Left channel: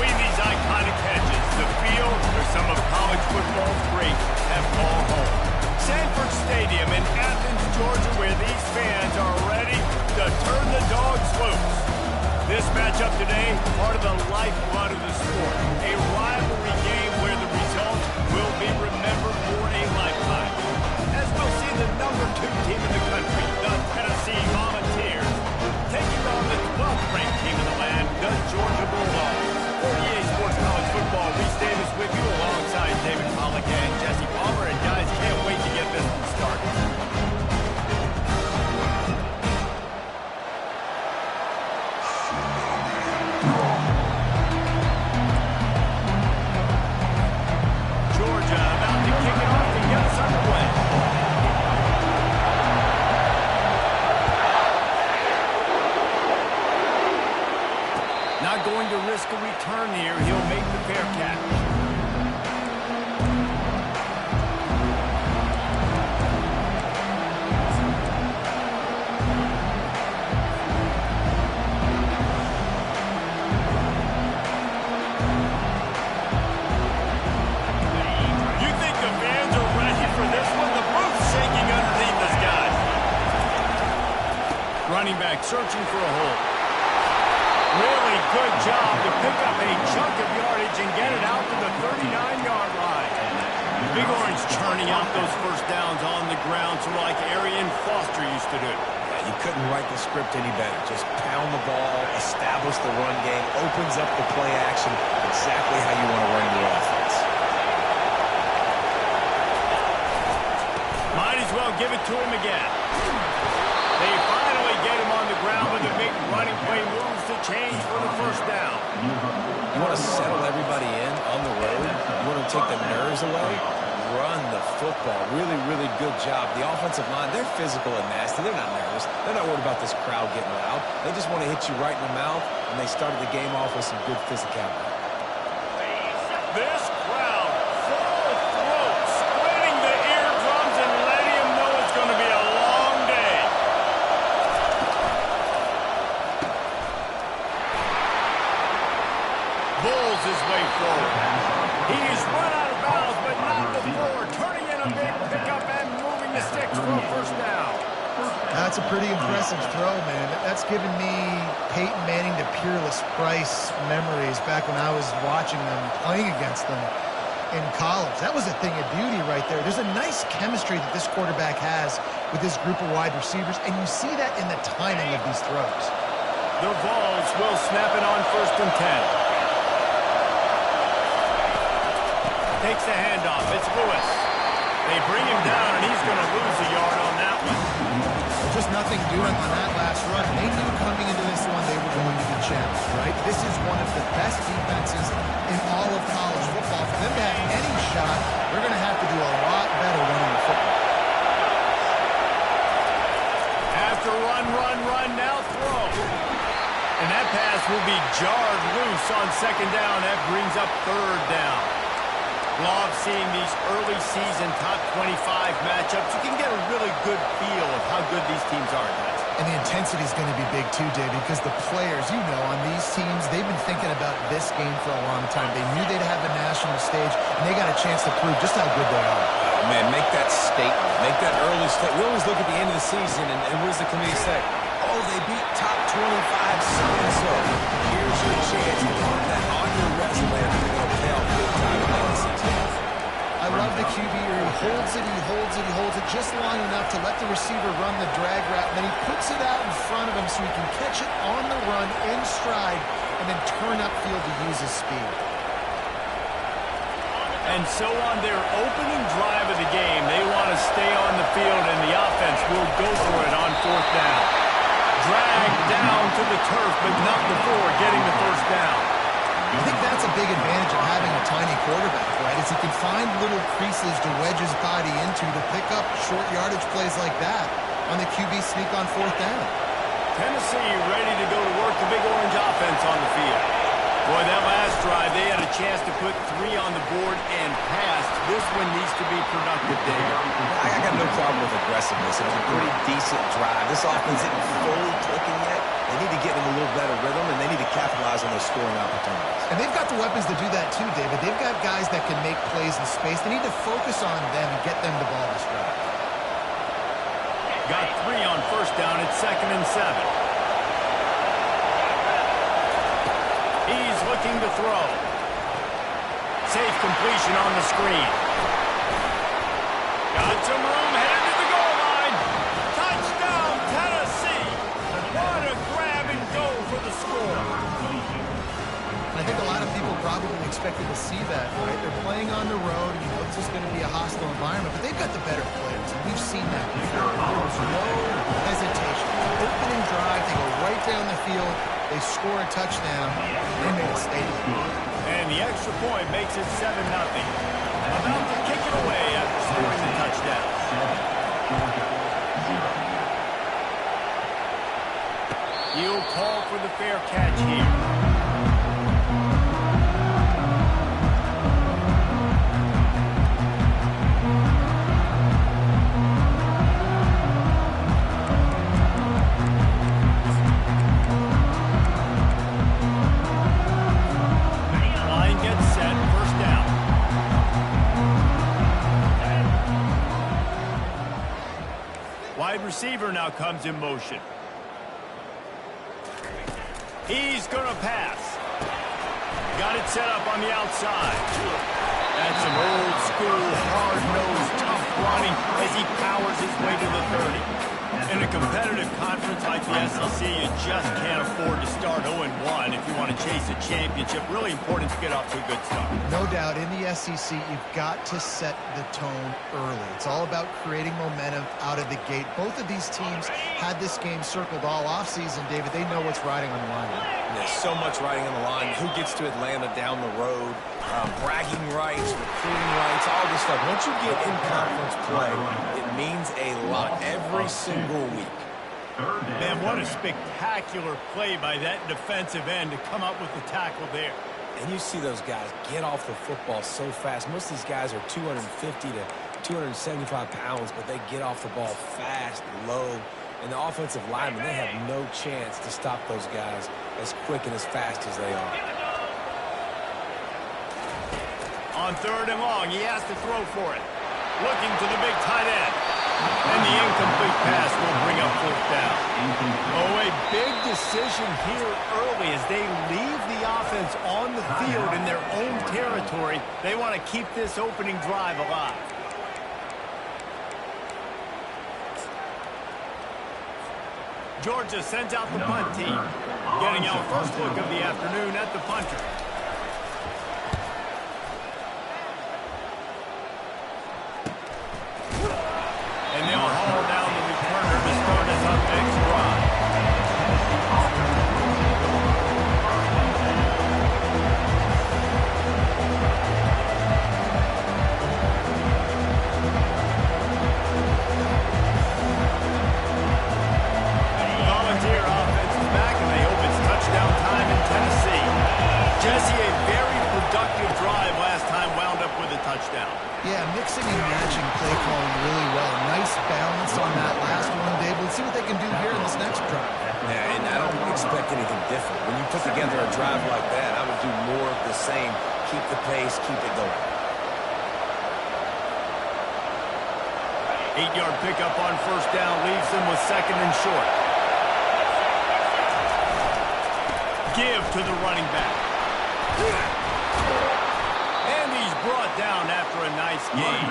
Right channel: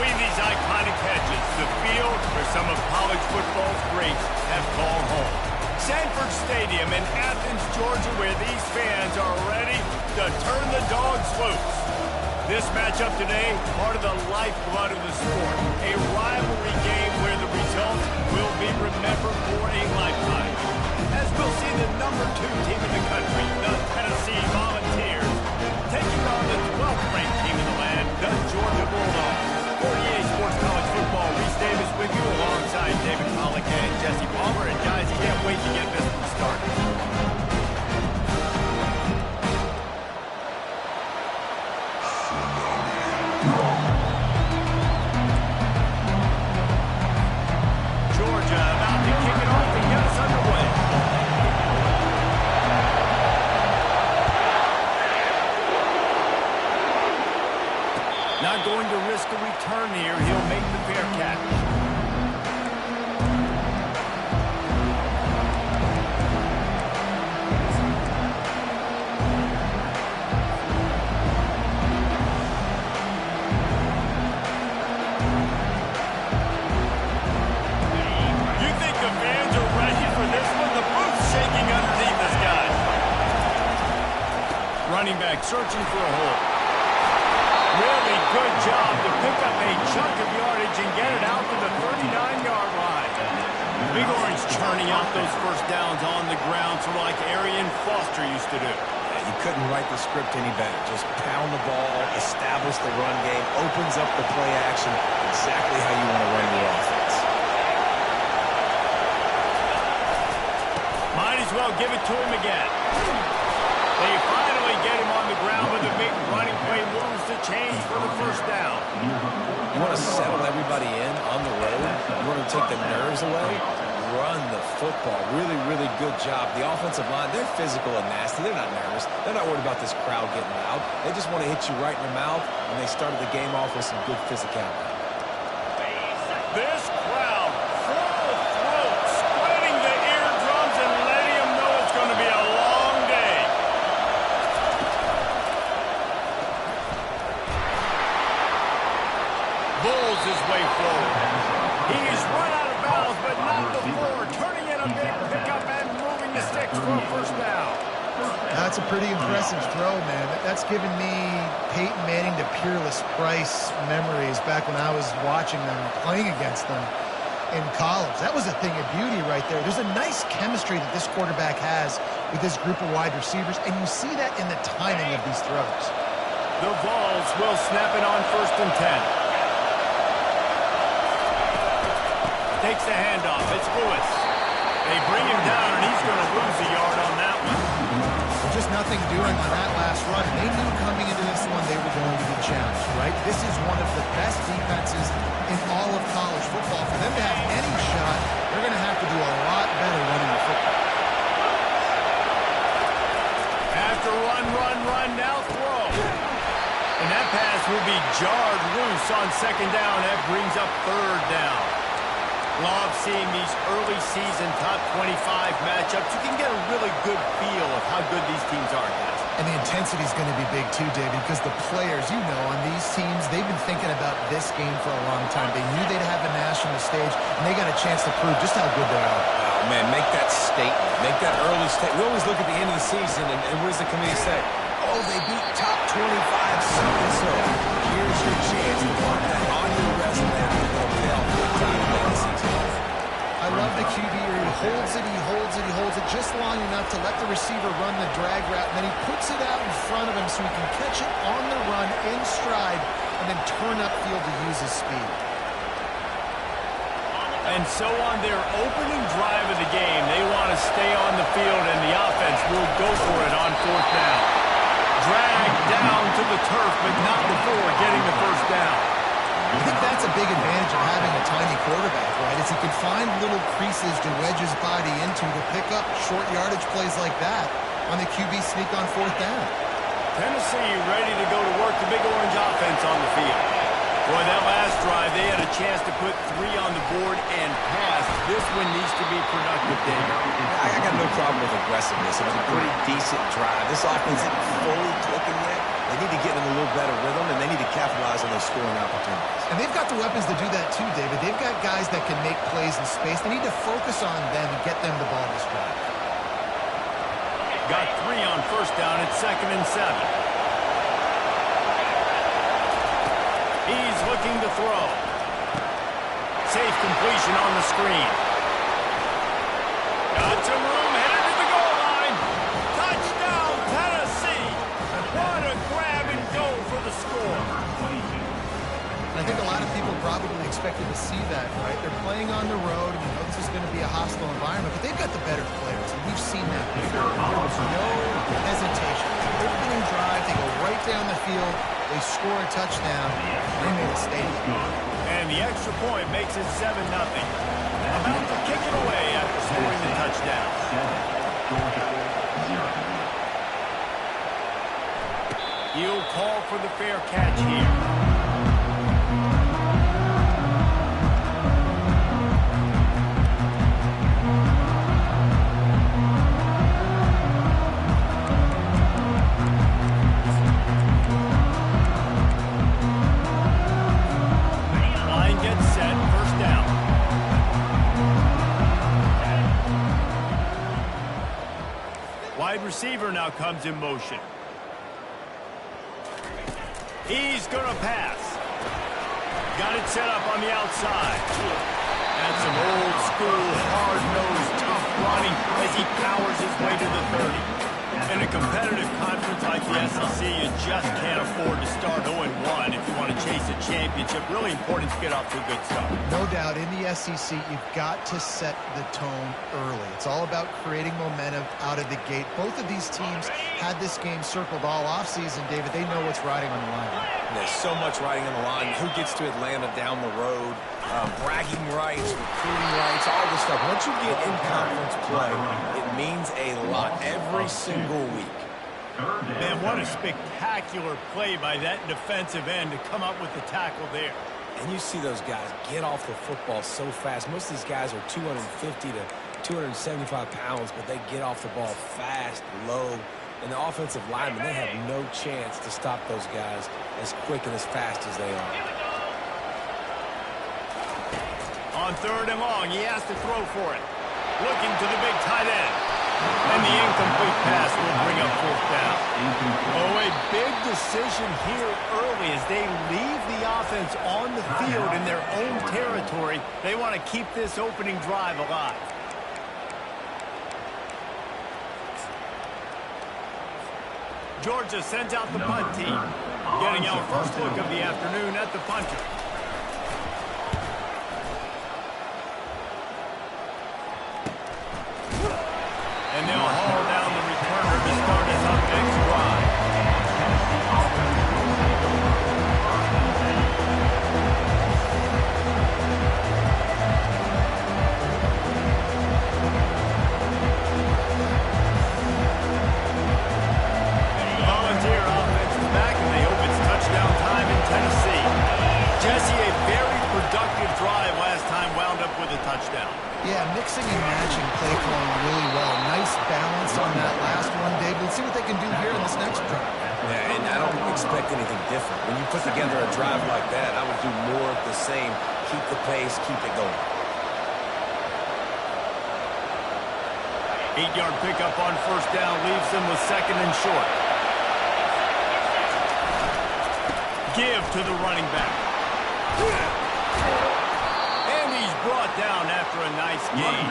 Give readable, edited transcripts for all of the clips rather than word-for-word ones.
Between these iconic hedges, the field where some of college football's greats have called home. Sanford Stadium in Athens, Georgia, where these fans are ready to turn the dogs loose. This matchup today, part of the lifeblood of the sport. A rivalry game where the results will be remembered for a lifetime. As we'll see the #2 team in the country, the Tennessee Volunteers, taking on the 12th ranked team in the land, the Georgia Bulldogs. For EA Sports College Football, Reese Davis with you alongside David Pollack and Jesse Palmer. And guys, can't wait to get this one started. Georgia about to kick it off to get us underway. Not going to risk a return here. He'll make the fair catch. You think the fans are ready for this one? The booth's shaking underneath this guy. Running back searching for a hole. Really good job to pick up a chunk of yardage and get it out to the 39-yard line. Big Orange churning out those first downs on the ground, sort of like Arian Foster used to do. Yeah, you couldn't write the script any better. Just pound the ball, establish the run game, opens up the play action, exactly how you want to run your offense. Might as well give it to him again. They finally get him on the ground with a big running play moves to change for the first down. You want to settle everybody in on the road? You want to take the nerves away? Run the football. Really, really good job. The offensive line, they're physical and nasty. They're not nervous. They're not worried about this crowd getting loud. They just want to hit you right in the mouth, and they started the game off with some good physicality. This crowd, full throat, splitting the eardrums and letting them know it's going to be a long day. Bulls his way forward. He's run out of bounds, but not before. Turning in a big pickup and moving the sticks for a first down. That's a pretty impressive throw, man. That's given me Peyton Manning to Peerless Price memories back when I was watching them, playing against them in college. That was a thing of beauty right there. There's a nice chemistry that this quarterback has with this group of wide receivers, and you see that in the timing of these throws. The Vols will snap it on 1st and 10. Takes the handoff. It's Lewis. They bring him down, and he's going to lose a yard on that one. Well, just nothing doing on that last run. They knew coming into this one they were going to be challenged, right? This is one of the best defenses in all of college football. For them to have any shot, they're going to have to do a lot better running the football. After run, now throw. And that pass will be jarred loose on 2nd down. That brings up 3rd down. Love seeing these early season top 25 matchups. You can get a really good feel of how good these teams are, guys. And the intensity is going to be big too, David, because the players, you know, on these teams, they've been thinking about this game for a long time. They knew they'd have a national stage, and they got a chance to prove just how good they are. Oh, man, make that statement. Make that early statement. We always look at the end of the season, and what does the committee say? Oh, they beat top 25 so-and-so. Here's your chance to put that on your resume, and it'll pay off big time in the season. I love the QB here. He holds it, he holds it just long enough to let the receiver run the drag route, and then he puts it out in front of him so he can catch it on the run in stride and then turn upfield to use his speed. And so on their opening drive of the game, they want to stay on the field, and the offense will go for it on 4th down. Dragged down to the turf, but not before getting the first down. I think that's a big advantage of having a tiny quarterback, right? Is he can find little creases to wedge his body into to pick up short yardage plays like that on the QB sneak on 4th down. Tennessee ready to go to work. The Big Orange offense on the field. Boy, that last drive, they had a chance to put 3 on the board and pass. This one needs to be productive, David. I got no problem with aggressiveness. It was a pretty decent drive. This offense isn't fully clicking yet. They need to get in a little better rhythm, and they need to capitalize on those scoring opportunities. And they've got the weapons to do that too, David. They've got guys that can make plays in space. They need to focus on them and get them the ball this drive. Got 3 on first down. It's 2nd and 7. He's looking to throw. Safe completion on the screen. Got some room, headed to the goal line. Touchdown, Tennessee. What a grab and go for the score. I think a lot of people probably expected to see that, right? They're playing on the road, and you know this is going to be a hostile environment, but they've got the better players, and we've seen that before. There was no hesitation. The opening drive, they go right down the field, they score a touchdown, and they made a statement. And the extra point makes it 7-0. About to kick it away after scoring the touchdown. Georgia, 0. He'll call for the fair catch here. Wide receiver now comes in motion. He's going to pass. Got it set up on the outside. That's some old school, hard-nosed, tough running as he powers his way to the 30. In a competitive conference like the SEC, you just can't afford to start 0-1 if you want to chase a championship. Really important to get off to a good start. No doubt, in the SEC, you've got to set the tone early. It's all about creating momentum out of the gate. Both of these teams had this game circled all offseason, David. They know what's riding on the line. There's so much riding on the line. Who gets to Atlanta down the road? Bragging rights, recruiting rights, all this stuff. Once you get in conference play, it means a lot every single week. Man, what a spectacular play by that defensive end to come up with the tackle there. And you see those guys get off the football so fast. Most of these guys are 250 to 275 pounds, but they get off the ball fast, low. And the offensive linemen, they have no chance to stop those guys as quick and as fast as they are. On 3rd and long, he has to throw for it. Looking to the big tight end. And the incomplete pass will bring up 4th down. Oh, a big decision here early as they leave the offense on the field in their own territory. They want to keep this opening drive alive. Georgia sends out the punt team. Getting our first look of the afternoon at the punter. And they'll haul down the returner to start us up next drive. The Volunteer offense is back, and they hope it's touchdown time in Tennessee. Jesse, a very productive drive last time wound up with a touchdown. Yeah, mixing and matching play calling really well. Nice balance on that last one, Dave. Let's see what they can do here in this next drive. Yeah, and I don't expect anything different. When you put together a drive like that, I would do more of the same. Keep the pace, keep it going. 8-yard pickup on first down leaves them with 2nd and short. Give to the running back. And he's brought down after a nice gain.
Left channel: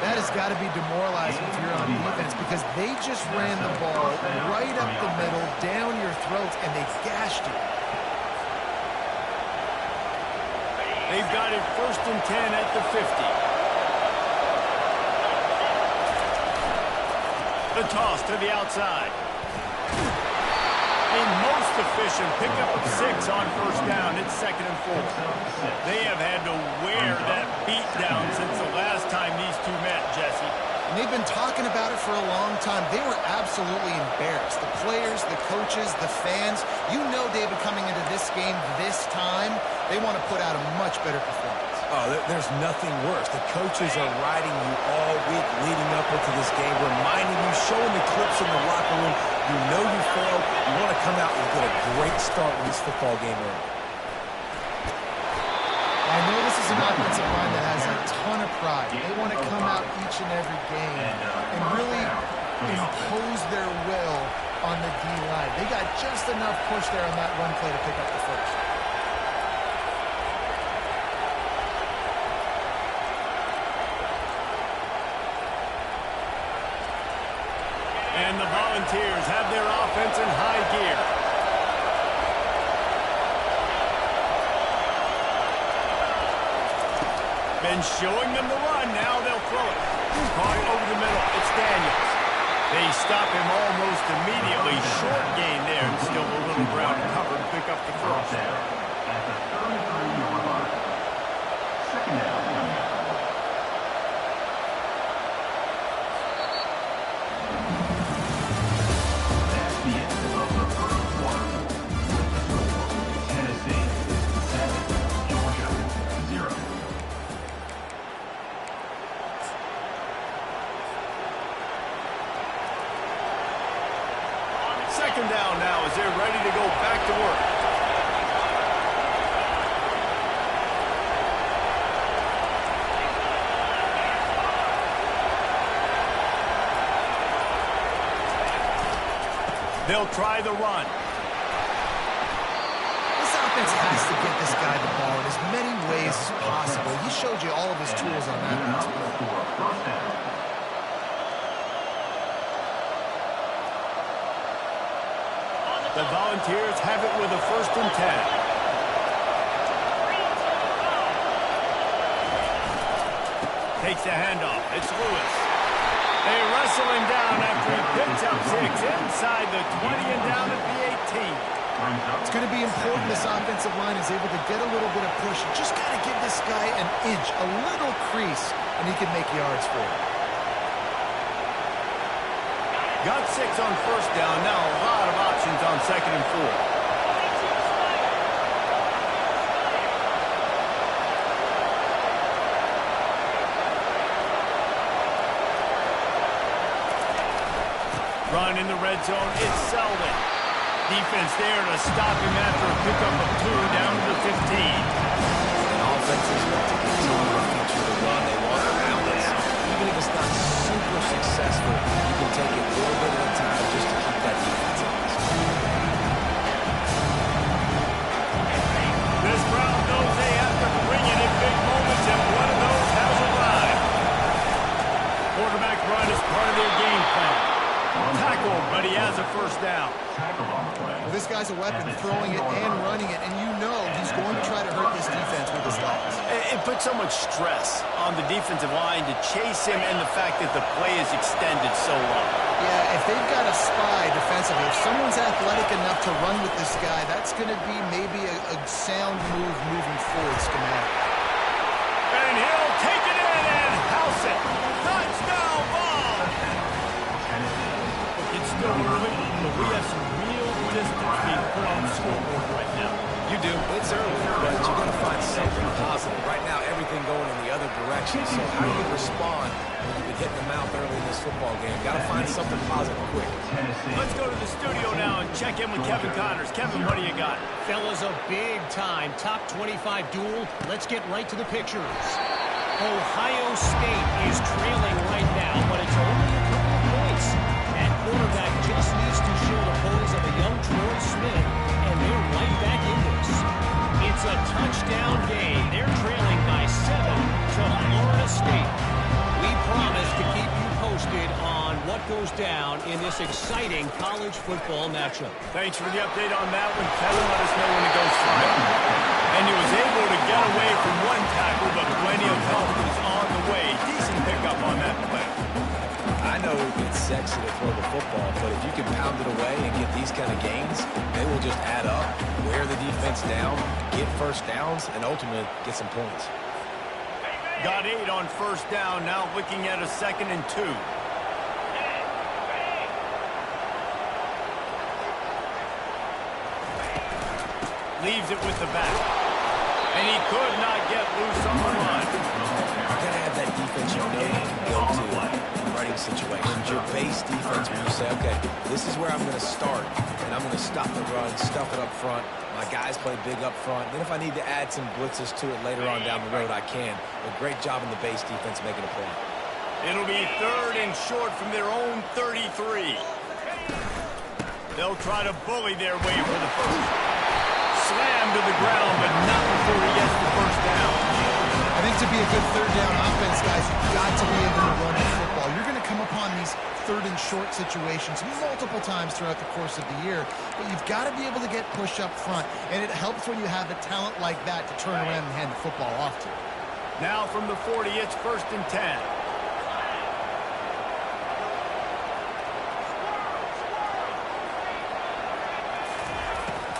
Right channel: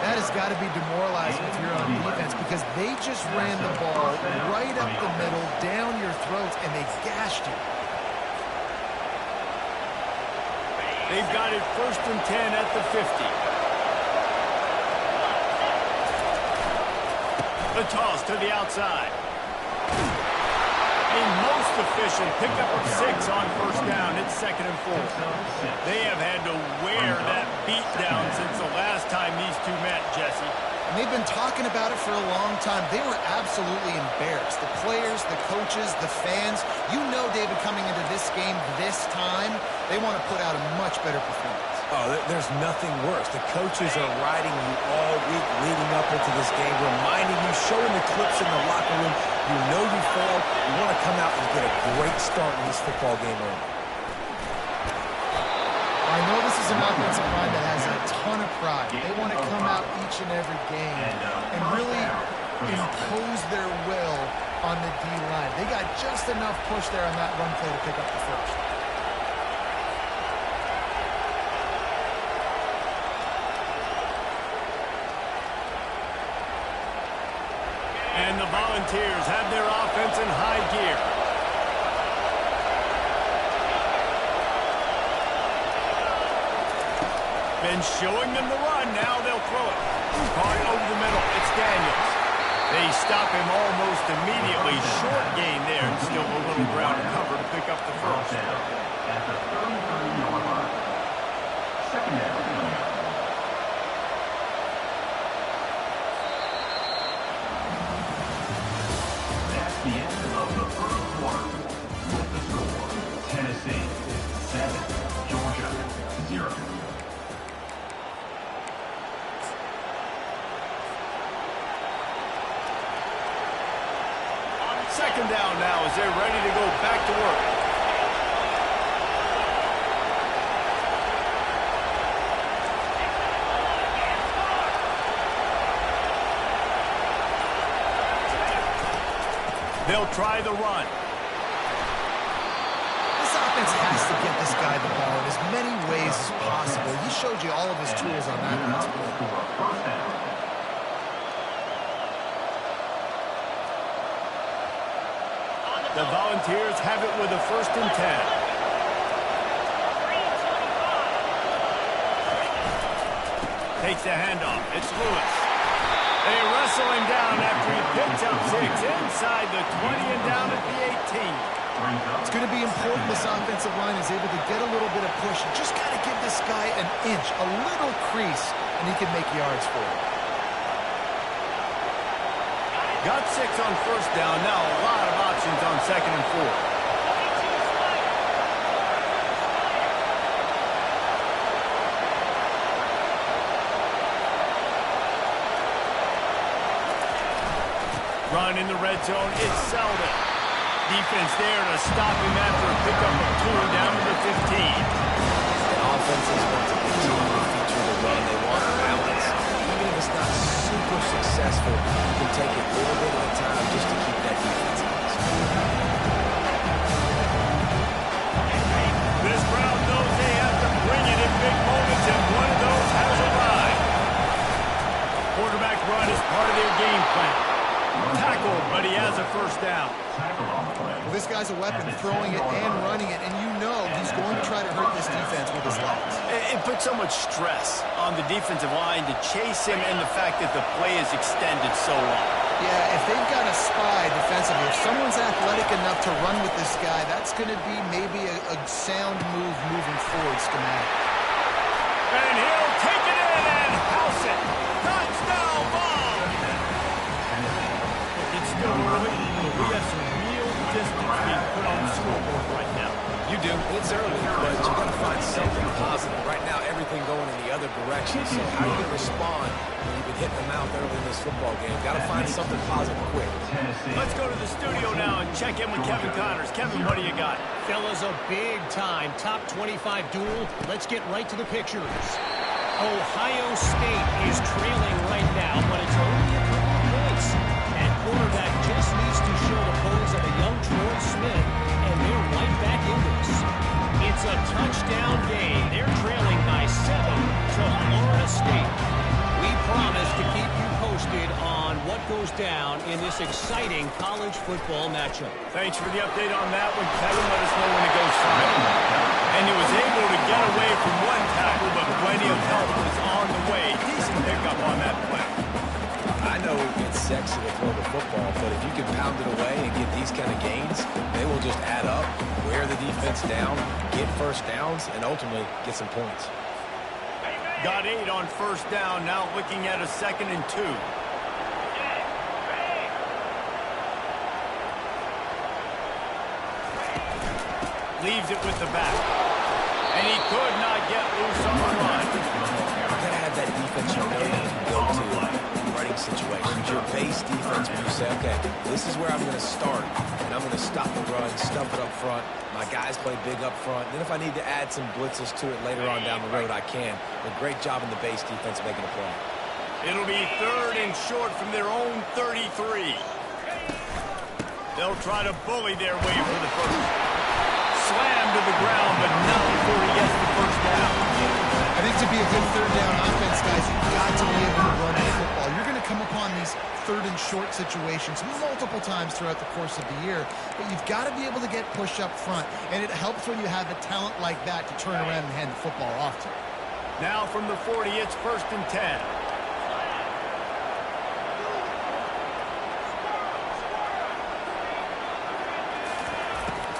That has got to be demoralizing if you're on defense because they just ran the ball right up the middle, down your throats, and they gashed you. They've got it 1st and 10 at the 50. The toss to the outside. A most efficient pickup of 6 on first down. It's 2nd and 4. They have had to wear that beat down since the last time these two met, Jesse. And they've been talking about it for a long time. They were absolutely embarrassed. The players, the coaches, the fans. You know, David, coming into this game this time, they want to put out a much better performance. Oh, there's nothing worse. The coaches are riding you all week leading up into this game, reminding you, showing the clips in the locker room. You know you failed. You want to come out and get a great start in this football game early. I know this is an offensive line that has a ton of pride. They want to come out each and every game and really impose their will on the D-line. They got just enough push there on that run play to pick up the first. And the Volunteers have their offense in high gear. Been showing them the run. Now they'll throw it. Caught over the middle. It's Daniels. They stop him almost immediately. Short gain there, and still a little ground cover to pick up the first. At the 33-yard line. Second down coming up. That's the end of the first quarter. With the score, Tennessee 7, Georgia 0. Second down now as they're ready to go back to work. They'll try the run. This offense has to get this guy the ball in as many ways as possible. He showed you all of his tools on that pass play. For a first down. The Volunteers have it with a 1st and 10. Takes the handoff. It's Lewis. They wrestle him down after he picks up 6 inside the 20 and down at the 18. It's going to be important this offensive line is able to get a little bit of push. You just got to give this guy an inch, a little crease, and he can make yards for it. Got 6 on 1st down. Now a lot of options on 2nd and 4. Run in the red zone. It's Selden. Defense there to stop him after a pickup of 2 down to the 15. And offenses want to continue to feature the run. They want balance. Even if it's not super successful, you can take it a little bit at a time just to keep that defense honest. This crowd knows they have to bring it in big moments, and one of those has arrived. Quarterback run is part of their game plan. Tackled, but he has a 1st down. Well, this guy's a weapon, throwing it and running it, and you know he's going to try to hurt this defense with his legs. It puts so much stress on the defensive line to chase him and the fact that the play is extended so long. Yeah, if they've got a spy defensively, if someone's athletic enough to run with this guy, that's going to be maybe a sound move moving forward schematic. And he'll take it in and house it. Touchdown ball! Look, it's still early, but we have some real distance being put on the scoreboard right now. You do. It's early, but you got to find something positive. Right now, everything going in the other direction. So how are you going to respond when you've been hitting the mouth early in this football game? Got to find something positive quick. Let's go to the studio now and check in with Kevin Connors. Kevin, what do you got? Fellas, a big-time top 25 duel. Let's get right to the pictures. Ohio State is trailing right now, but it's only a couple of points. That quarterback just needs to show the poise of a young Troy Smith, and they're right back in this. It's a touchdown game. They're trailing by 7 to Florida State. We promise to keep you posted on what goes down in this exciting college football matchup. Thanks for the update on that one, Kevin. Let us know when it goes final. And he was able to get away from one tackle, but plenty of help was on the way. Decent pickup on that play. I know it's sexy to throw the football, but if you can pound it away and get these kind of gains, they will just add up, wear the defense down, get 1st downs, and ultimately get some points. Got 8 on first down, now looking at a 2nd and 2. Leaves it with the back. And he could not get loose on the run. You gotta have that defense you know you can go to in running situations. Your base defense where you say, okay, this is where I'm gonna start, and I'm gonna stop the run, stuff it up front. My guys play big up front. Then if I need to add some blitzes to it later on down the road, I can. But great job in the base defense making a play. It'll be 3rd and short from their own 33. They'll try to bully their way for the first. Slammed to the ground, but not before he gets the first down. I think to be a good 3rd down offense, guys, you've got to be able to run the football. You're going to come upon these 3rd and short situations multiple times throughout the course of the year, but you've got to be able to get push up front, and it helps when you have a talent like that to turn around and hand the football off to. Now from the 40, it's 1st and 10.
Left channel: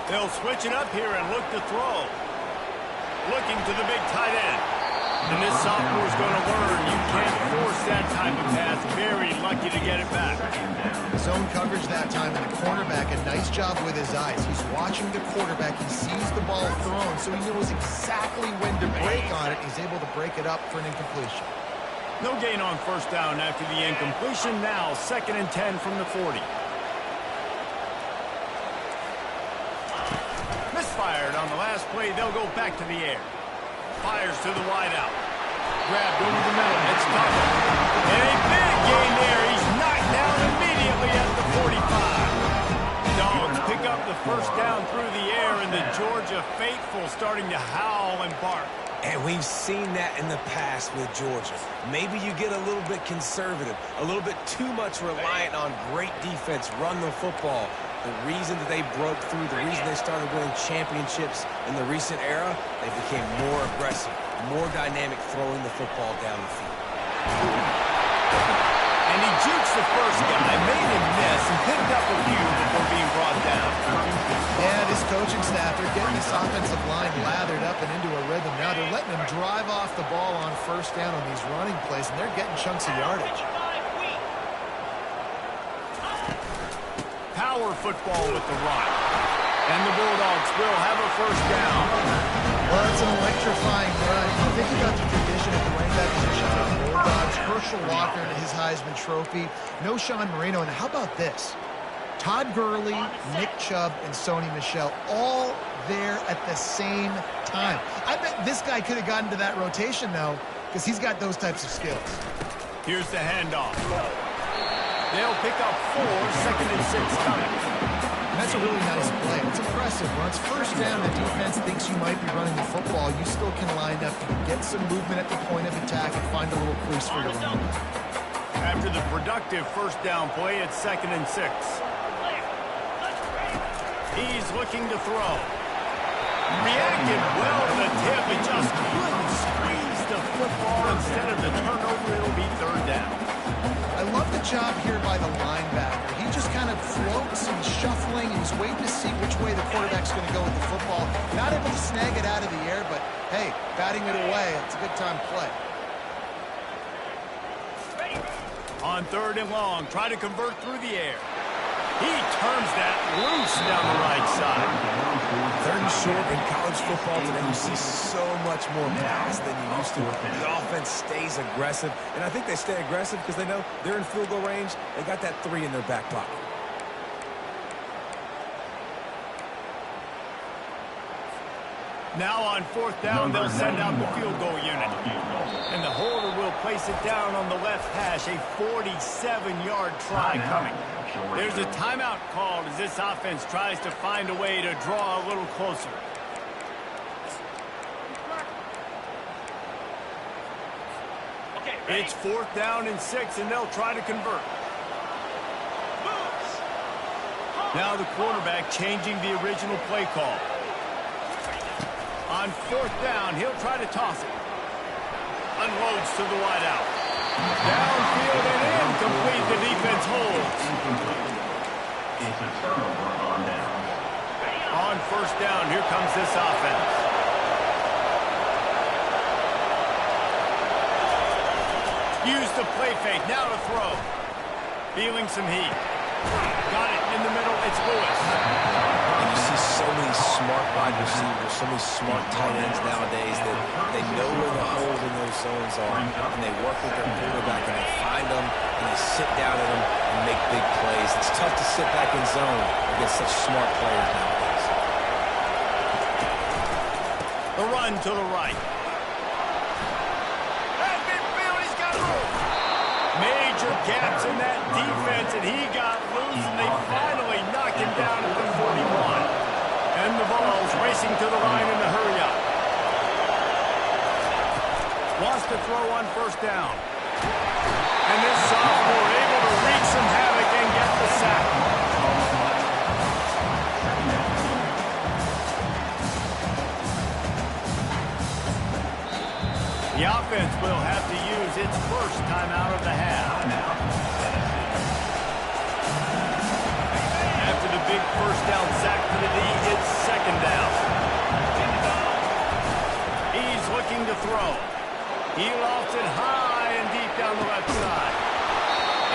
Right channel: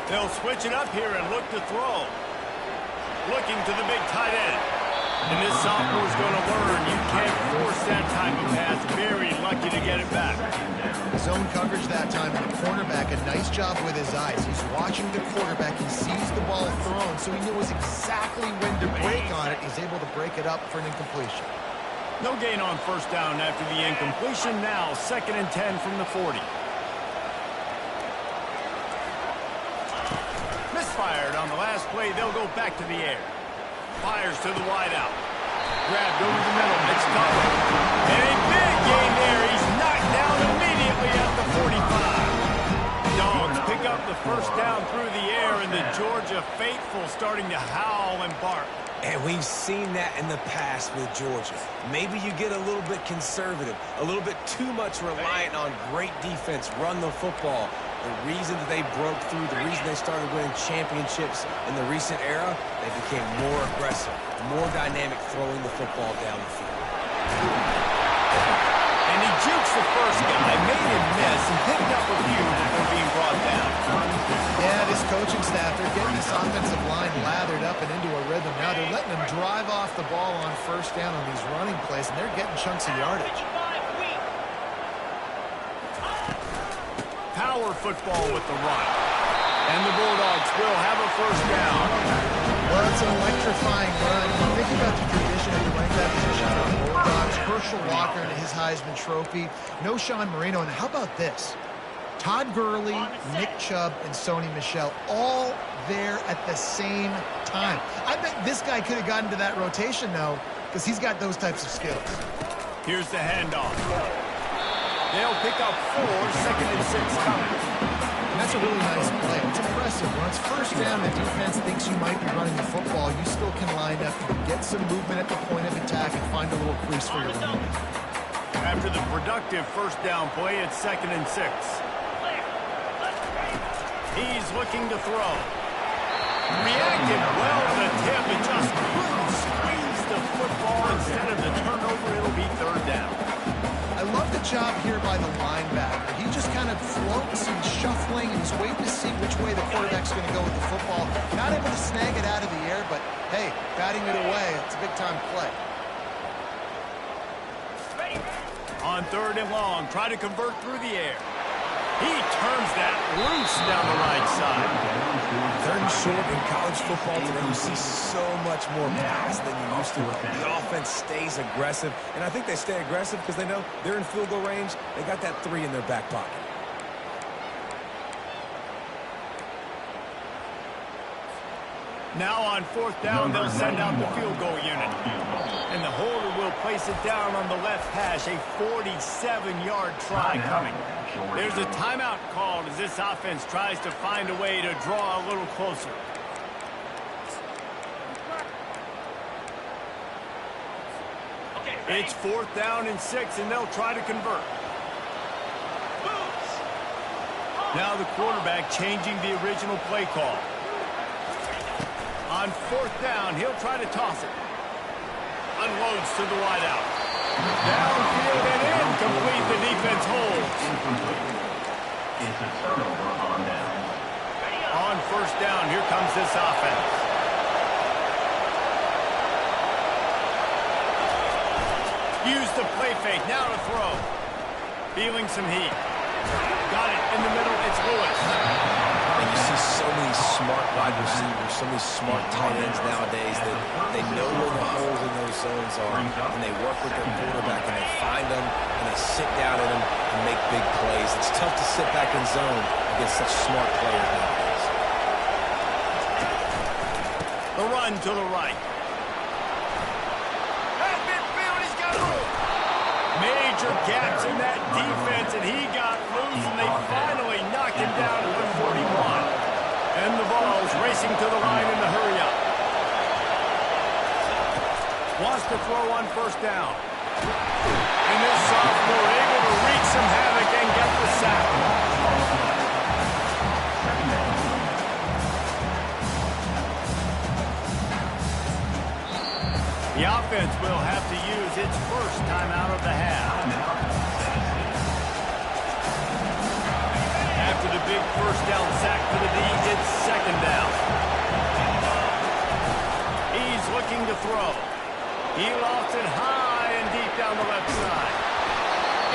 They'll switch it up here and look to throw. Looking to the big tight end. And this sophomore's going to learn you can't force that type of pass. Very lucky to get it back. Zone coverage that time, and the cornerback, a nice job with his eyes. He's watching the quarterback. He sees the ball thrown, so he knows exactly when to break on it. He's able to break it up for an incompletion. No gain on first down after the incompletion. Now 2nd and 10 from the 40. Misfired on the last play. They'll go back to the air. Fires to the wide out. Grabbed over the middle. It's Tuttle. And a big gain there. He's knocked down immediately at the 45. Dogs pick up the first down through the air, and the Georgia faithful starting to howl and bark. And we've seen that in the past with Georgia. Maybe you get a little bit conservative, a little bit too much reliant on great defense, run the football. The reason that they broke through, the reason they started winning championships in the recent era, they became more aggressive, more dynamic throwing the football down the field. And he jukes the first guy, made him miss, and picked up a few before being brought down. Yeah, this coaching staff, they're getting this offensive line lathered up and into a rhythm. Now they're letting them drive off the ball on first down on these running plays, and they're getting chunks of yardage. Power football with the run. And the Bulldogs will have a first down. Well, it's an electrifying run. You think about the tradition of the running back position for the Bulldogs. Herschel Walker and his Heisman Trophy. No Sean Marino. And how about this? Todd Gurley, Nick Chubb, and Sony Michel all there at the same time. I bet this guy could have gotten to that rotation, though, because he's got those types of skills. Here's the handoff. They'll pick up 4, 2nd and 6 coming. And that's a really nice play. It's impressive. When it's first down, the defense thinks you might be running the football. You still can line up. You can get some movement at the point of attack and find a little crease for your running. After the productive first down play, it's 2nd and 6. He's looking to throw. Reacted well to the tip and just couldn't squeeze the football. Instead of the turnover, it'll be 3rd down. I love the job here by the linebacker. He just kind of floats and shuffling, and he's waiting to see which way the quarterback's going to go with the football. Not able to snag it out of the air, but, hey, batting it away, it's a big-time play. On 3rd and long, try to convert through the air. He turns that loose down the right side. 3rd and short in college football today, you see so much more pass than you used to. The offense stays aggressive, and I think they stay aggressive because they know they're in field goal range. They got that 3 in their back pocket. Now on 4th down, they'll send out the field goal unit. And the holder will place it down on the left hash, a 47-yard try coming. There's a timeout called as this offense tries to find a way to draw a little closer. It's 4th down and 6, and they'll try to convert. Now the quarterback changing the original play call. On 4th down, he'll try to toss it. Unloads to the wide out. Downfield and incomplete. The defense holds. Incomplete. It's a turnover on down. On 1st down, here comes this offense. Use the play fake. Now to throw. Feeling some heat. Got it in the middle. It's Lewis. And you see so many smart wide receivers, so many smart tight ends nowadays that they know where the holes in those zones are, and they work with their quarterback, and they find them, and they sit down in them and make big plays. It's tough to sit back in zone against such smart players nowadays. The run to the right. At midfield, he's got room. Major gaps in that defense, and he got loose, and they finally knocked him down at the 41. And the Vols racing to the line in the hurry-up. Wants to throw on first down. And this sophomore able to wreak some havoc and get the sack. The offense will have to use its first timeout of the half. After the big first down sack for the D, it's second down. He's looking to throw. He lofts it high and deep down the left side.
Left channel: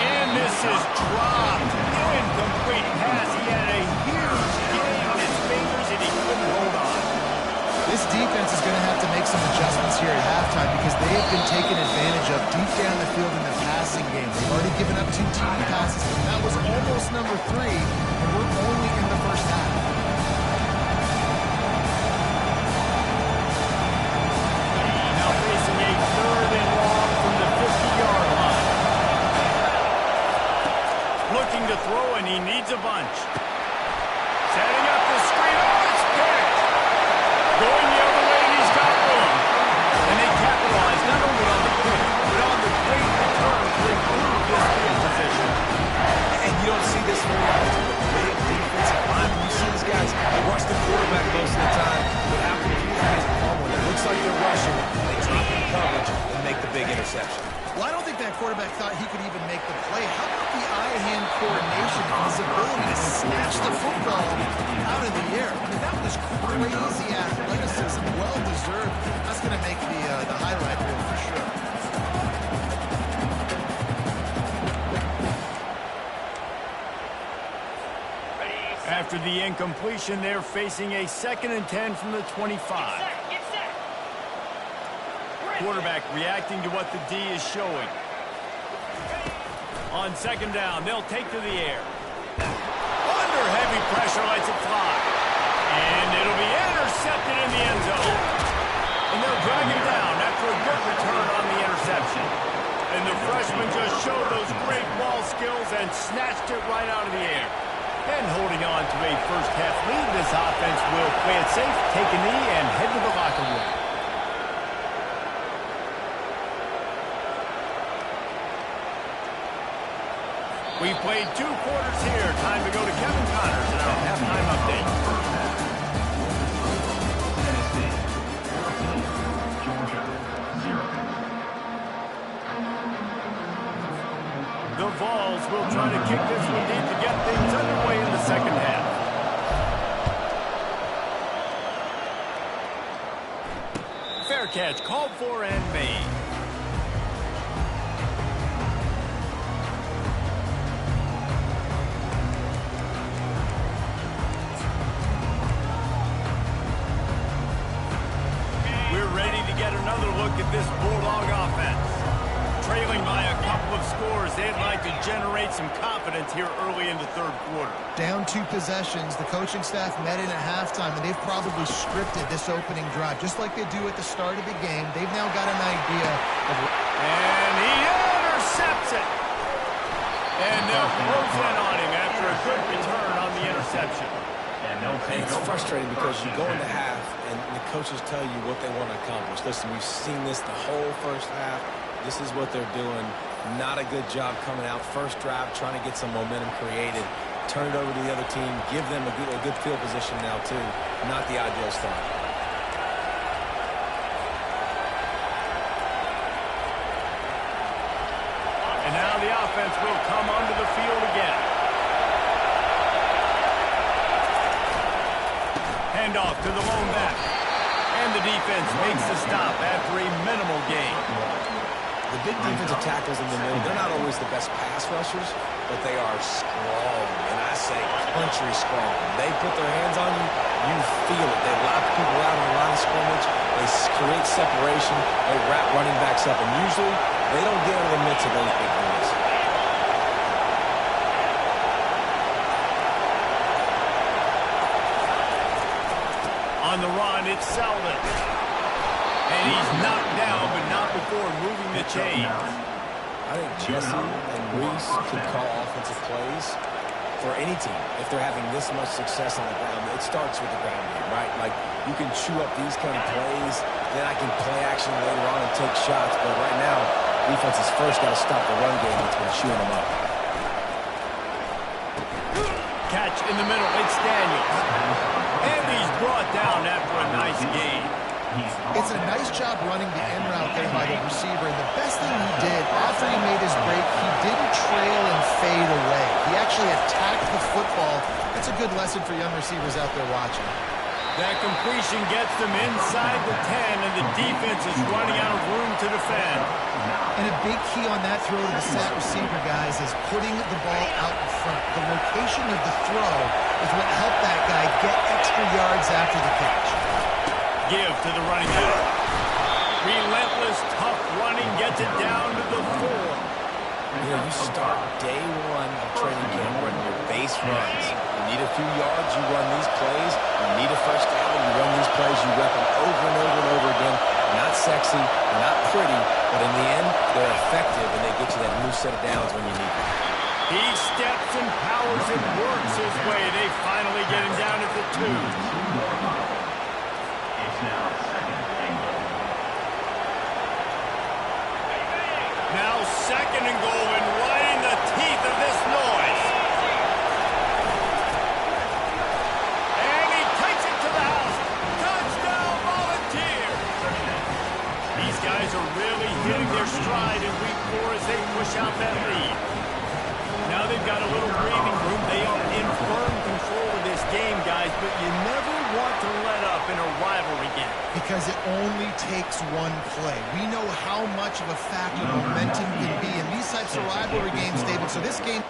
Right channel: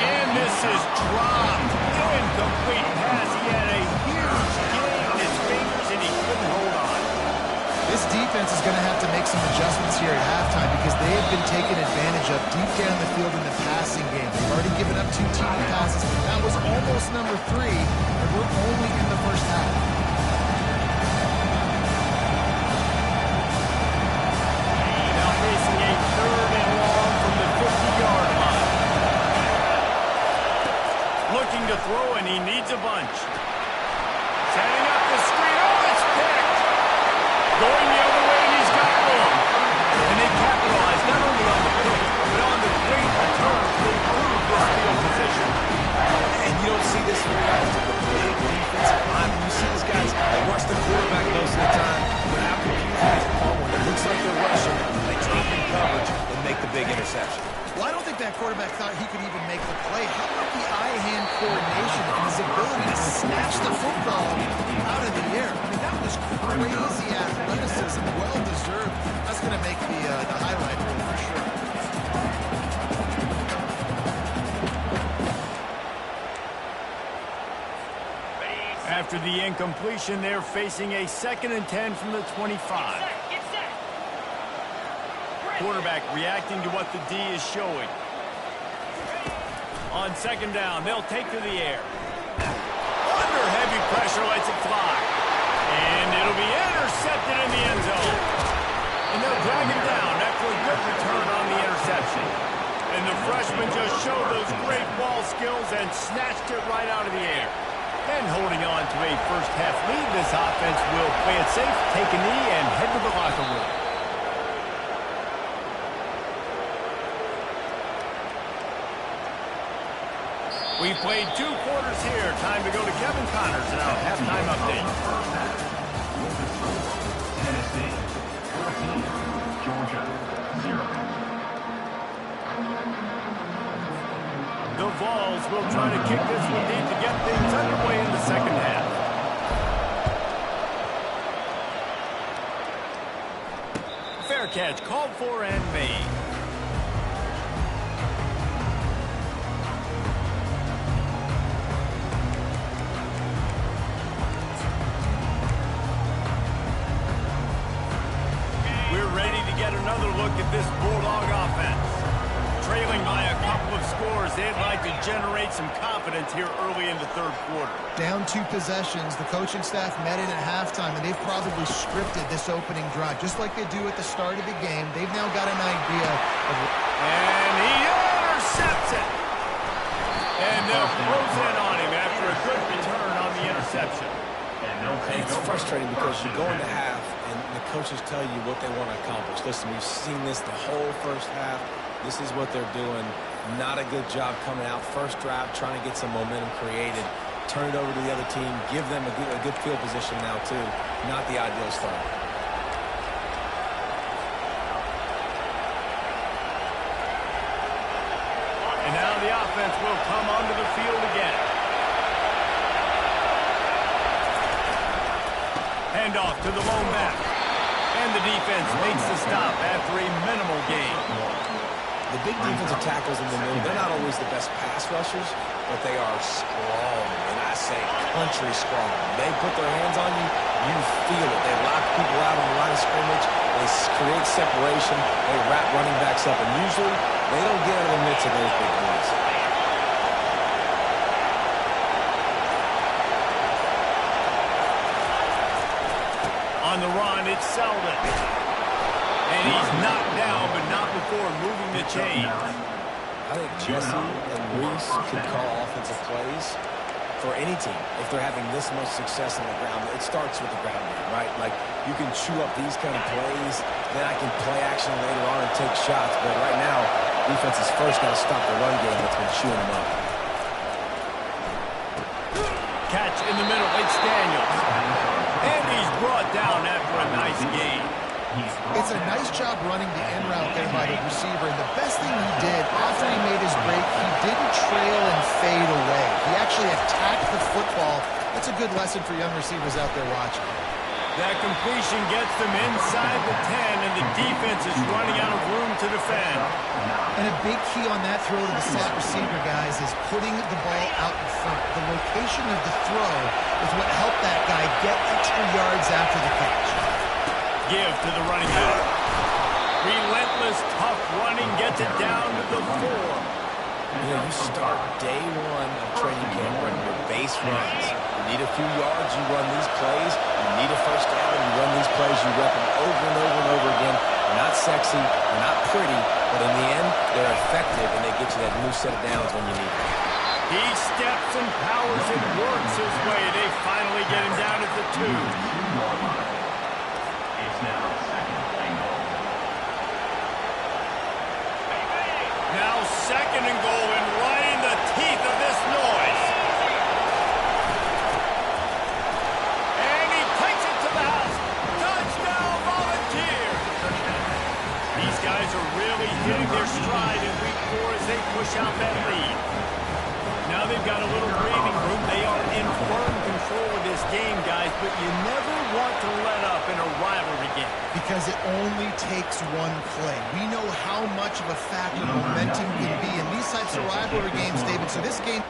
And this is dropped. Incomplete pass. He had a huge gain on his fingers, and he couldn't hold on. This defense is going to have to make some adjustments here at halftime because they have been taken advantage of deep down the field in the passing game. They've already given up 2 TD passes. That was almost number 3, and we're only in the first half. Now facing a 3rd and long from the 50-yard line. Looking to throw, and he needs a bunch. Setting up the screen. Oh, it's picked. Going the other way, and he's got room. And they capitalize not only on the pick, but on the great return to improve this field position. And you don't see this very often. The big defensive linemen, you see these guys, they rush the quarterback most of the time, but how confusing is it when it looks like they're rushing, they drop in coverage and make the big interception. Well, I don't think that quarterback thought he could even make the play. How about the eye-hand coordination and his ability to snatch the football out of the air? I mean, that was crazy athleticism, well-deserved. That's going to make the highlight reel for sure. After the incompletion, they're facing a 2nd and 10 from the 25. Quarterback reacting to what the D is showing. On 2nd down, they'll take to the air. Under heavy pressure, lets it fly. And it'll be intercepted in the end zone. And they'll drag him down after a good return on the interception. And the freshman just showed those great ball skills and snatched it right out of the air. And holding on to a first half lead, this offense will play it safe, take a knee, and head to the locker room. We've played 2 quarters here. Time to go to Kevin Connors in our halftime update. Tennessee 14, Georgia 0. The Vols will try to kick this one deep to get things underway in the second half. Fair catch called for and made. We're ready to get another look at this Bulldog offense. Trailing by a couple of scores, they'd like to generate some confidence here early in the 3rd quarter. Down 2 possessions, the coaching staff met in at halftime, and they've probably scripted this opening drive, just like they do at the start of the game. They've now got an idea of... And he intercepts it. And they'll close in on him after a good return on the interception. And it's frustrating because you go into half, and the coaches tell you what they want to accomplish. Listen, we've seen this the whole first half. This is what they're doing. Not a good job coming out. First drive, trying to get some momentum created. Turn it over to the other team. Give them a good field position now, too. Not the ideal start. And now the offense will come onto the field again. Handoff to the lone back. And the defense makes the stop after a minimal gain. The big defensive tackles in the middle, they're not always the best pass rushers, but they are strong, and I say country strong. They put their hands on you, you feel it. They lock people out on the line of scrimmage. They create separation. They wrap running backs up, and usually they don't get out of the midst of those big boys. On the run, it's Selden. And he's knocked down, but not before moving the chains. I think Jesse and Reese could call offensive plays for any team. If they're having this much success on the ground, it starts with the ground game, right? Like, you can chew up these kind of plays, then I can play action later on and take shots. But right now, defense has first got to stop the run game that's been chewing them up. Catch in the middle, it's Daniels. And he's brought down after a nice gain. It's a nice job running the in route there by the receiver, and the best thing he did after he made his break, he didn't trail and fade away. He actually attacked the football. That's a good lesson for young receivers out there watching. That completion gets them inside the 10, and the defense is running out of room to defend. And a big key on that throw to the slot receiver, guys, is putting the ball out in front. The location of the throw is what helped that guy get extra yards after the catch. Give to the running back. Relentless, tough running gets it down to the 4. You know, you start day one of training camp running your base runs. You need a few yards, you run these plays. You need a first down, you run these plays. You rep them over and over and over again. They're not sexy, they're not pretty, but in the end, they're effective, and they get you that new set of downs when you need them. He steps and powers and works his way. They finally get him down at the 2. It's now second and goal. Now second and goal, and right in the teeth of this noise. And he takes it to the house. Touchdown, Volunteers. These guys are really hitting their stride in week 4 as they push out that lead. Now they've got a little breathing room. They are in firm control of this game, guys, but you never want to let up in a rivalry game. Because it only takes one play. We know how much of a factor momentum can be in these types of rivalry games, David. So this game...